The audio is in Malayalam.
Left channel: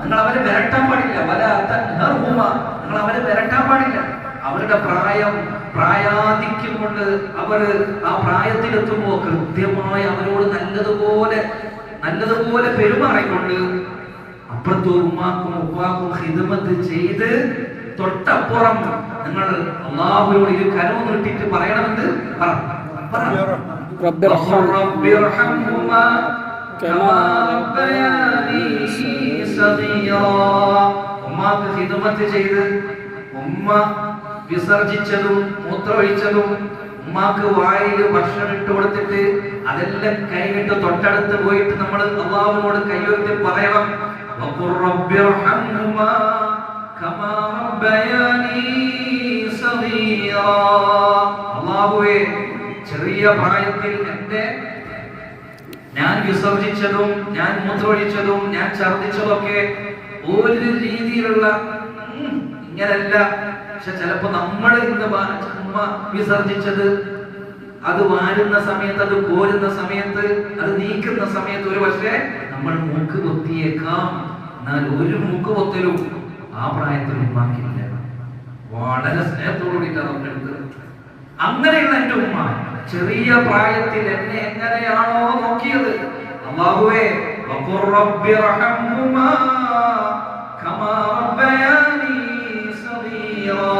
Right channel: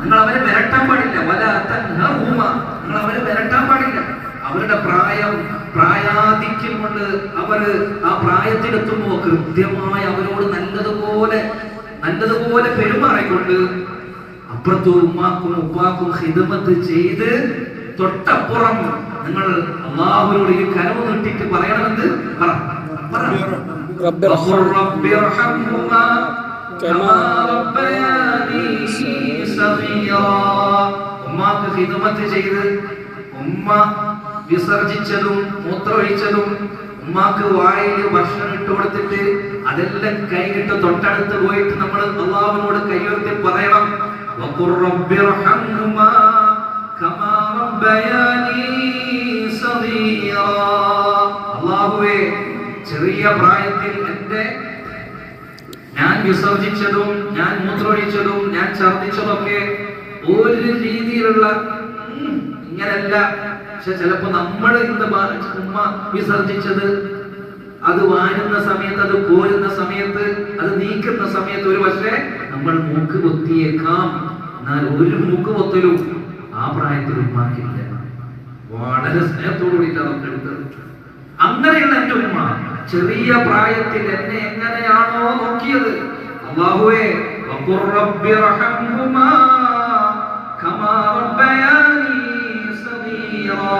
നിങ്ങൾ അവരെ വിരട്ടാൻ പാടില്ല. വലാ തൻഹറുഹുമ, നിങ്ങൾ അവരെ വിരട്ടാൻ പാടില്ല. അവരുടെ പ്രായാധിക്യം കൊണ്ട് അവർ ആ പ്രായത്തിലെത്തുമ്പോൾ കൃത്യമായി അവരോട് നല്ലതുപോലെ പെരുമാറിക്കൊണ്ട് അപ്പുറത്തും ഉമ്മാക്കും ഉപ്പാക്കും ഖിദ്മത്ത് ചെയ്ത് തൊട്ടപ്പുറം നിങ്ങൾ അല്ലാഹുവിനോട് ഈ കരവ് നീട്ടിട്ട് പറയണമെന്ന് ഉമ്മാക്ക് ഖിദ്മത്ത് ചെയ്ത് ഉമ്മ വിസർജിച്ചതും മൂത്രമൊഴിച്ചതും ഉമ്മാക്ക് വായിൽ ഭക്ഷണം ഇട്ട് കൊടുത്തിട്ട് അതെല്ലാം കൈകിട്ട് തൊട്ടടുത്ത് പോയിട്ട് നമ്മൾ അല്ലാഹുവിനോട് കൈയുയർത്തി പറയണം അല്ലാഹുവേ, ചെറിയ പ്രായത്തിൽ ഞാൻ വിസർജിച്ചതും ഞാൻ മൂത്രമൊഴിച്ചതും ഞാൻ ഛർദിച്ചതൊക്കെ ഒരു രീതിയിലുള്ള ഇങ്ങനല്ല. പക്ഷെ ചിലപ്പോ നമ്മൾ ഇന്ന് ഉമ്മ വിസർജിച്ചത് അത് വാരുന്ന സമയത്ത്, അത് കോരുന്ന സമയത്ത്, അത് നീക്കുന്ന സമയത്ത് ഒരു പക്ഷേ നമ്മൾ മൂക്ക് പൊത്തിയേക്കാം. എന്നാൽ ഒരു മൂക്ക് പൊത്തലും ആ പ്രായത്തിൽ ഉമ്മാക്കില്ല. വളരെ സ്നേഹത്തോടുകൂടിയിട്ട് അതൊക്കെ എടുത്തത്. അങ്ങനെയുള്ള എന്റെ ഉമ്മ ചെറിയ പ്രായത്തിൽ എന്നെ എങ്ങനെയാണോ നോക്കിയത്, അല്ലാഹുവേ വഖുർ റബ്ബി റഹ്മഹുമാ കമാ റബ്ബയാനി സഗീറാ.